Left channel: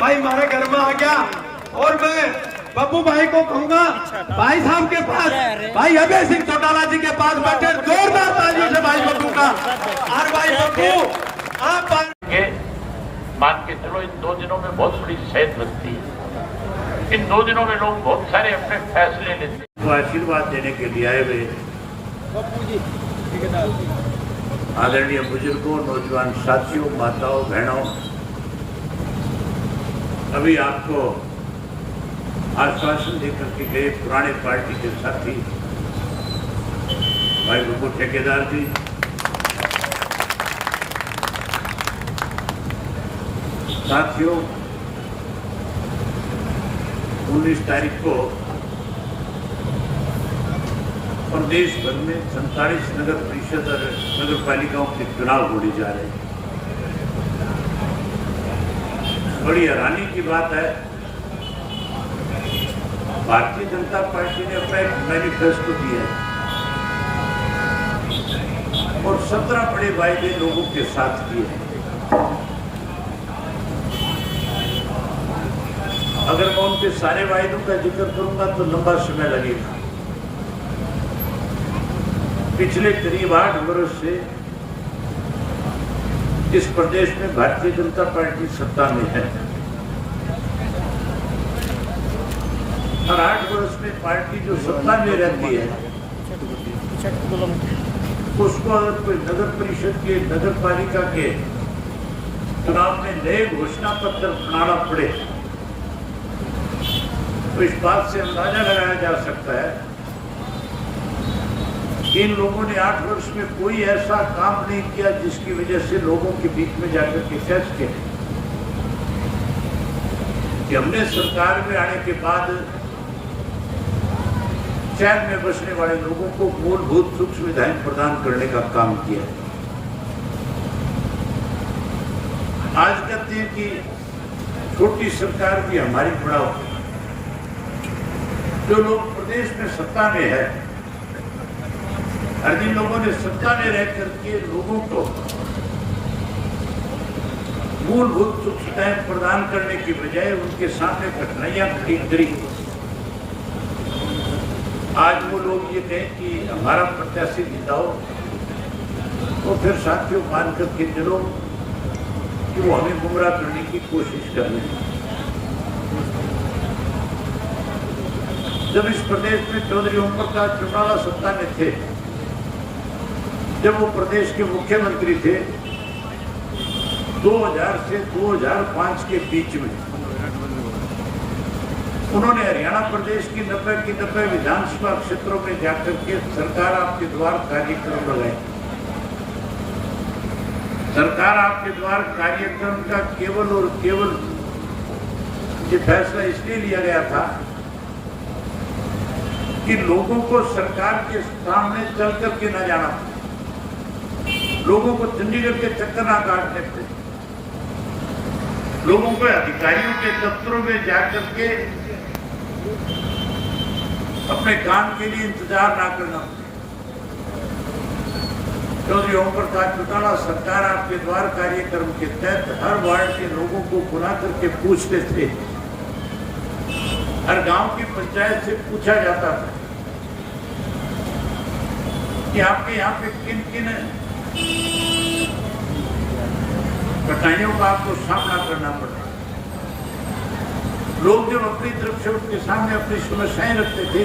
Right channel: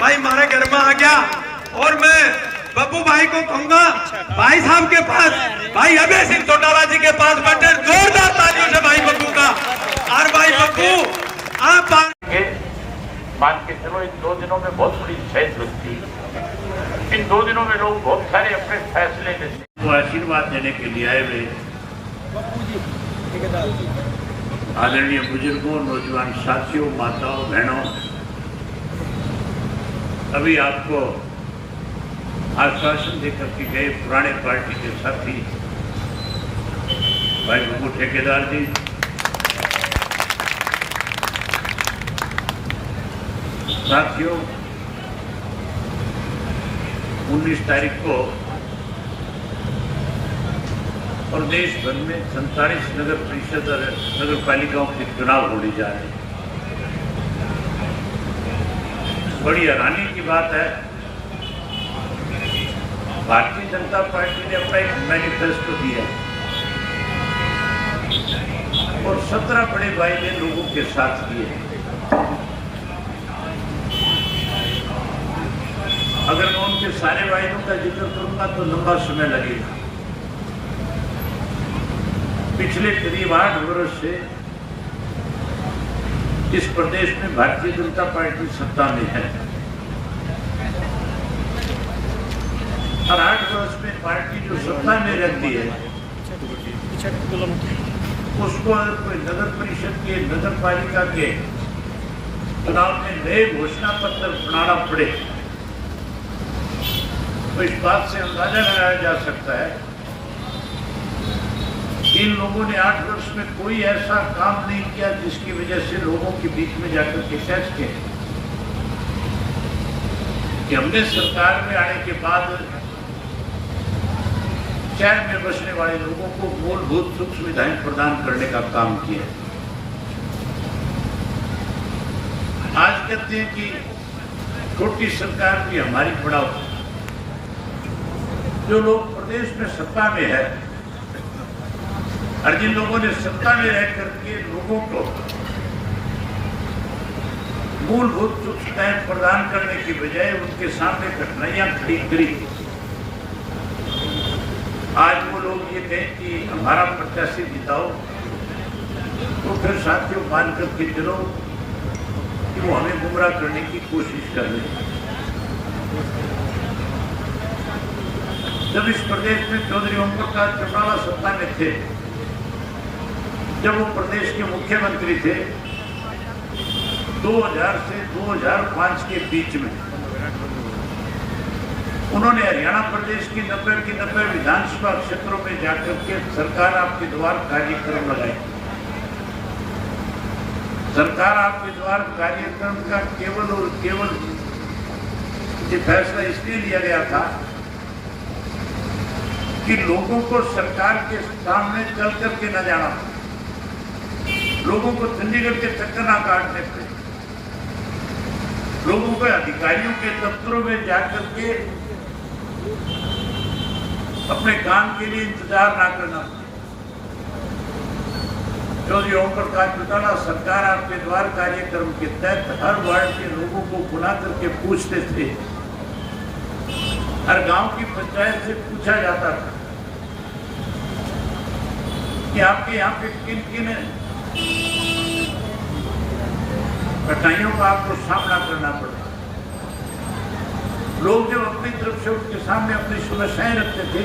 भाई हमारे घर में आ गया। और मैं बब्बू भाई को कहूंगा भाई साहब के पास, भाई अभय सिंह चौटाला जी के पास बैठे, जोरदार तालियों से भाई बब्बू का। और भाई बब्बू आप मान के चलो, इन 2 दिनों में बहुत बड़ी शहद लगती है। इन 2 दिनों में लोग बहुत सारे अपने फैसले लेते। तो आशीर्वाद देने के लिए आए हुए आदरणीय बुजुर्गों, नौजवान साथियों, माताओं, बहनों, अभी आपको आश्वासन देकर के गए पुराने पार्टी के साथी भाई बब्बू ठेकेदार जी, साथियों 19 तारीख को प्रदेश भर में 47 नगर परिषद और नगर पालिकाओं के चुनाव होने जा रहे हैं। बड़ी हैरानी की बात है, भारतीय जनता पार्टी ने अपना एक मैनिफेस्टो दिया और 17 बड़े वायदे लोगों के साथ किए। अगर मैं उनके सारे वायदों का जिक्र करूंगा तो लंबा समय लगेगा। पिछले करीब 8 वर्ष से इस प्रदेश में भारतीय जनता पार्टी सत्ता में है और 8 वर्ष में पार्टी जो सत्ता में रहती है उसको अगर कोई नगर परिषद के, नगर पालिका के चुनाव में नए घोषणा पत्र बनाना पड़े तो इस बात से अंदाजा लगाया जा सकता है कि इन लोगों ने 8 वर्ष में कोई ऐसा काम नहीं किया जिसकी वजह से लोगों के बीच में जाकर के कह सके कि हमने सरकार में आने के बाद शहर में बसने वाले लोगों को मूलभूत सुख सुविधाएं प्रदान करने का काम किया। आज कहते हैं कि छोटी सरकार भी हमारी बढ़ाओ। जो लोग प्रदेश में सत्ता में है और जिन लोगों ने सत्ता में रह करके लोगों को मूलभूत सुख सुविधाएं प्रदान करने की बजाय उनके सामने कठिनाइयां खड़ी करी, आज वो लोग ये कहें कि हमारा प्रत्याशी जिताओ तो फिर साथियों मान करके चलो कि वो हमें गुमराह करने की कोशिश कर रहे हैं। जब इस प्रदेश में चौधरी ओम प्रकाश चौटाला सत्ता में थे, जब वो प्रदेश के मुख्यमंत्री थे 2000 से 2005 के बीच में, उन्होंने हरियाणा प्रदेश की 90 विधानसभा क्षेत्रों में जाकर के सरकार आपके द्वार कार्यक्रम लगाए। सरकार आपके द्वार कार्यक्रम का केवल और केवल ये फैसला इसलिए लिया गया था कि लोगों को सरकार के सामने चल करके न जाना, लोगों को चंडीगढ़ के चक्कर ना काटने थे, लोगों को अधिकारियों के दफ्तरों में जाकर के अपने काम के लिए इंतजार ना करना। चौधरी ओम प्रकाश चौटाला सरकार आपके द्वार कार्यक्रम के तहत हर वार्ड के लोगों को बुला करके पूछते थे, हर गांव की पंचायत से पूछा जाता था कि आपके यहाँ पे किन किन कठिनाइयों का आपको सामना करना पड़ता। लोग जब अपनी तरफ से उनके सामने अपनी समस्याएं रखते थे,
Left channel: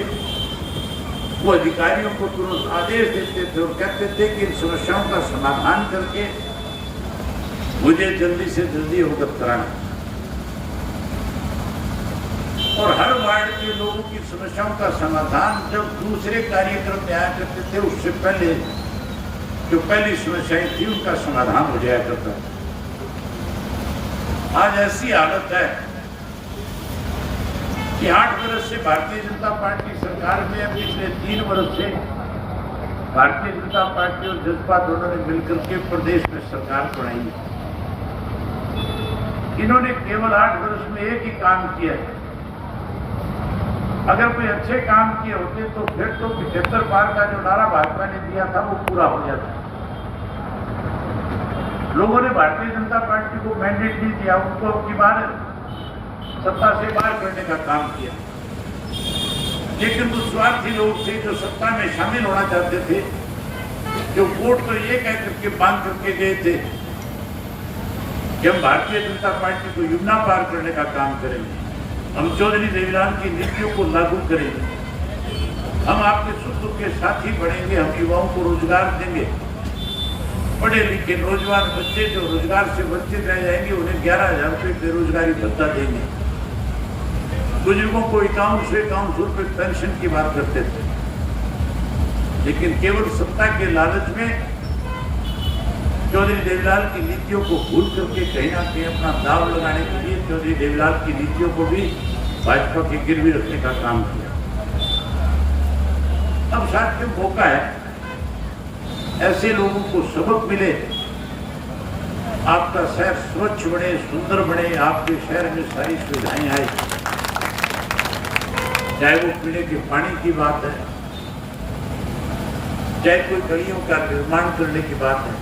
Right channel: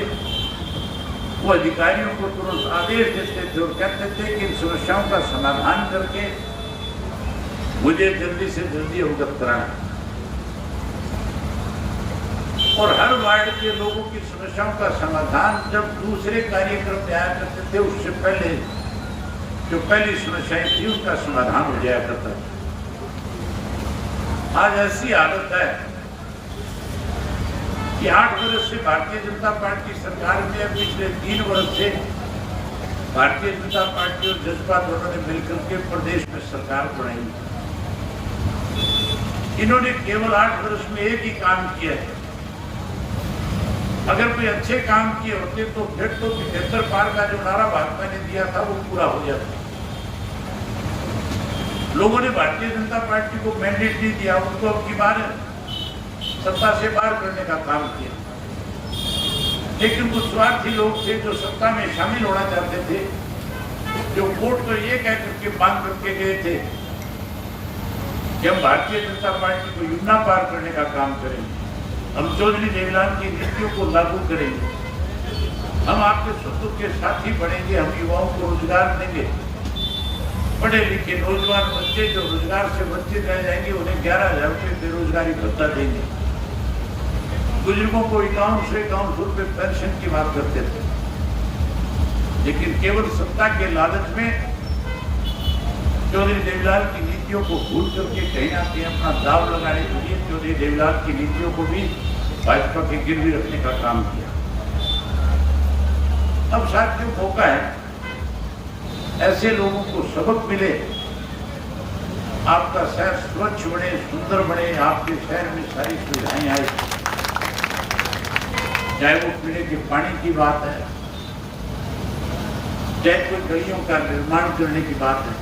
वो अधिकारियों को तुरंत आदेश देते थे और कहते थे कि इन समस्याओं का समाधान करके मुझे जल्दी से जल्दी अवगत कराना। और हर वार्ड के लोगों की समस्याओं का समाधान जब दूसरे कार्यक्रम में आया करते थे, उससे पहले जो पहली समस्याएं थी उनका समाधान हो जाया करता था। आज ऐसी हालत है कि 8 वर्ष से भारतीय जनता पार्टी सरकार में है, पिछले 3 वर्ष से भारतीय जनता पार्टी और जसपा दोनों ने मिलकर के प्रदेश में सरकार बनाई। इन्होंने केवल 8 वर्ष में एक ही काम किया है। अगर कोई अच्छे काम किए होते तो फिर तो 75 पार का जो नारा भाजपा ने दिया था वो पूरा हो जाता। लोगों ने भारतीय जनता पार्टी को मैंडेट नहीं दिया, उनको अब की बार सत्ता से बाहर करने का काम किया। लेकिन कुछ स्वार्थी लोग थे जो सत्ता में शामिल होना चाहते थे, जो वोट को ये कह करके बांध करके गए थे कि हम भारतीय जनता पार्टी को यमुना पार करने का काम करेंगे, हम चौधरी देवीलाल की नीतियों को लागू करेंगे, हम आपके सुख दुख के साथी बढ़ेंगे, हम युवाओं को रोजगार देंगे, पढ़े लिखे नौजवान बच्चे जो रोजगार से वंचित रह जाएंगे उन्हें 11,000 रुपये बेरोजगारी भत्ता देंगे, बुजुर्गों को 51 रुपये पेंशन की बात करते थे। लेकिन केवल सत्ता के लालच में चौधरी देवीलाल की नीतियों को भूल करके कहीं ना कहीं अपना दाव लगाने के लिए चौधरी देवीलाल की नीतियों को भी भाजपा के गिरवी रखने का काम किया। अब साथियों मौका है ऐसे लोगों को सबक मिले, आपका शहर स्वच्छ बने, सुंदर बने, आपके शहर में सारी सुविधाएं आए, चाहे वो पीने के पानी की बात है, चाहे कोई गलियों का निर्माण करने की बात है,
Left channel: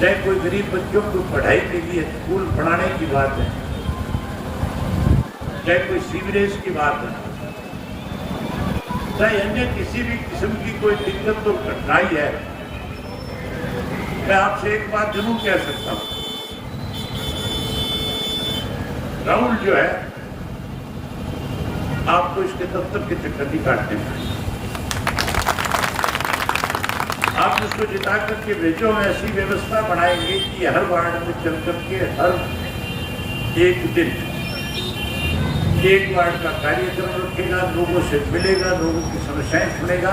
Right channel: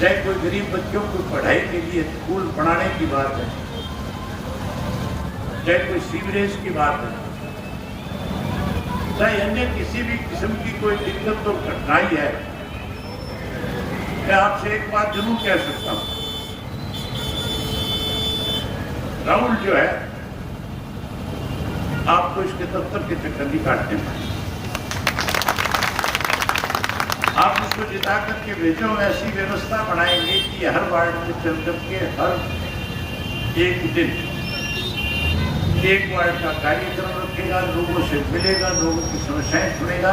चाहे कोई गरीब बच्चों को पढ़ाई के लिए स्कूल बनाने की बात है, चाहे कोई सीवरेज की बात है, चाहे अन्य किसी भी किस्म की कोई दिक्कत और कठिनाई है, मैं आपसे एक बात जरूर कह सकता हूं, राहुल जो है आपको इसके दफ्तर के चक्कर नहीं काटते हैं, आप इसको जिता करके भेजो, हम ऐसी व्यवस्था बनाएंगे कि हर वार्ड में चल करके हर एक दिन एक वार्ड का कार्यक्रम रखेगा, लोगों से मिलेगा, लोगों की समस्याएं सुनेगा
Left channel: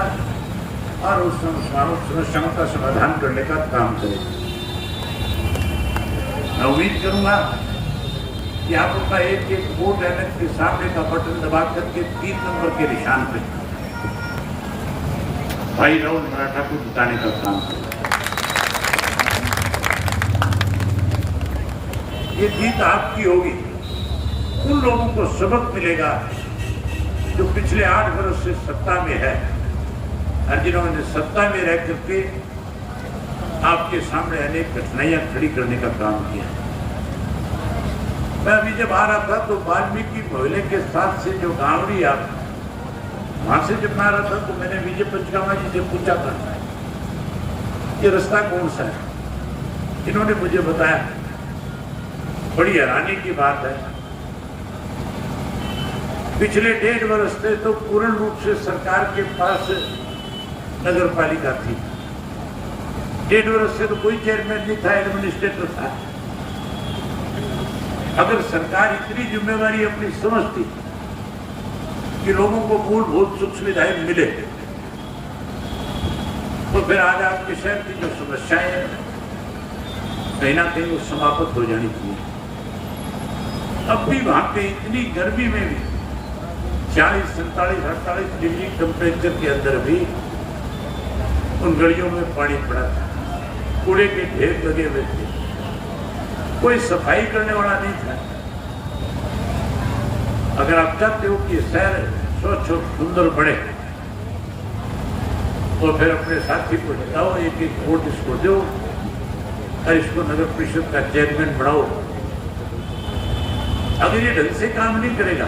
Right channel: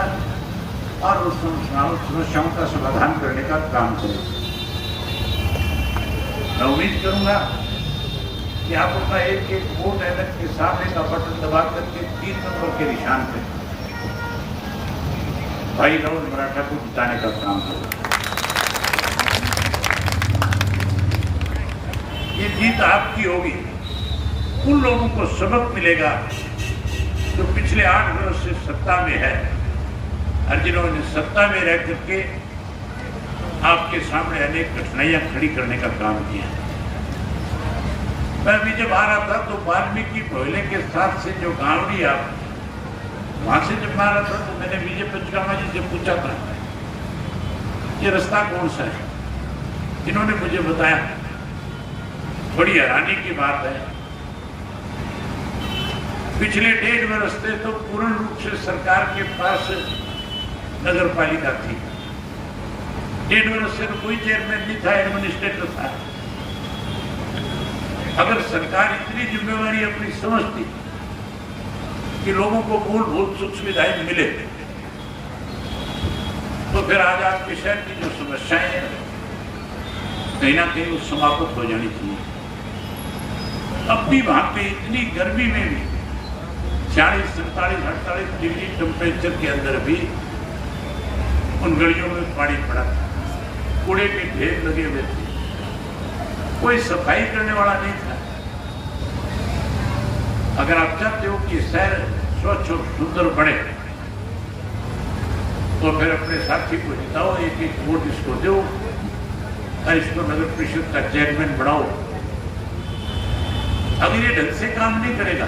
और उस समस्याओं का समाधान करने का काम करेगा। मैं उम्मीद करूंगा कि आप अपना एक एक वोट ऐनक के सामने का बटन दबा करके 3 नंबर के निशान पे भाई राहुल मराठा को जिताने का काम करें। ये जीत आपकी होगी, उन लोगों को सबक मिलेगा जो पिछले 8 वर्ष से सत्ता में है और जिन्होंने सत्ता में रह करके आपके सामने अनेक कठिनाइयां खड़ी करने का काम किया। मैं अभी जब आ रहा था तो वाल्मीकि मोहल्ले के साथ से जो गांवड़ी आप वहां से जब मैं आ रहा था तो मैंने विजय पंचकामा जी से पूछा था ये रास्ता कौन सा है, इन्होंने मुझे बताया। बड़ी हैरानी की बात है, पिछले 1.5 वर्ष से तो पूर्ण रूप से सरकार के पास नगर पालिका थी, 1.5 वर्ष से तो कोई चेयरमैन नहीं था, एडमिनिस्ट्रेटर था। अगर सरकार इतनी जिम्मेवारी अपनी समझती कि लोगों को मूलभूत सुख सुविधाएं मिले तो फिर आज आपके शहर की जो समस्याएं हैं कहीं ना कहीं वो समाप्त हो जानी चाहिए। अब भी वहां पे इतनी गर्मी में भी 40, 47, 48 डिग्री टेम्परेचर के अंदर भी उन गलियों में पानी पड़ा था, कूड़े के ढेर लगे हुए थे, कोई सफाई करने वाला नहीं था। अगर आप चाहते हो कि शहर स्वच्छ और सुंदर बने तो फिर अपने साथी को जिताओ, एक एक वोट इसको दो और इसको नगर परिषद का चेयरमैन बनाओ। अगर ये ढंग से काम नहीं करेगा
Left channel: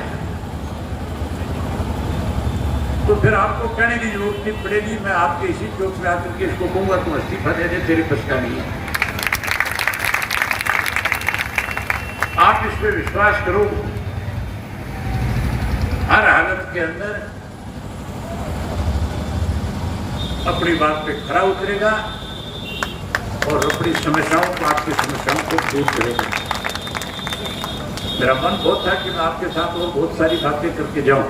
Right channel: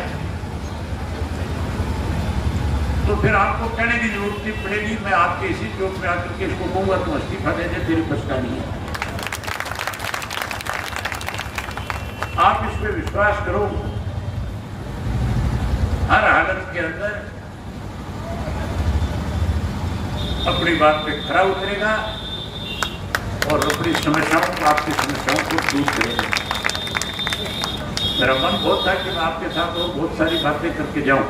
तो फिर आपको कहने की जरूरत नहीं पड़ेगी, मैं आपके इसी चौक में आकर के इसको कहूंगा तो इस्तीफा दे दे, तेरी बस का नहीं है। आप इस पे विश्वास करो, हर हालत के अंदर अपनी बात पे खरा उतरेगा और अपनी समस्याओं को, आपकी समस्याओं को दूर करेगा। मेरा मन बहुत था कि मैं आपके साथ बहुत सारी बातें करके जाऊं,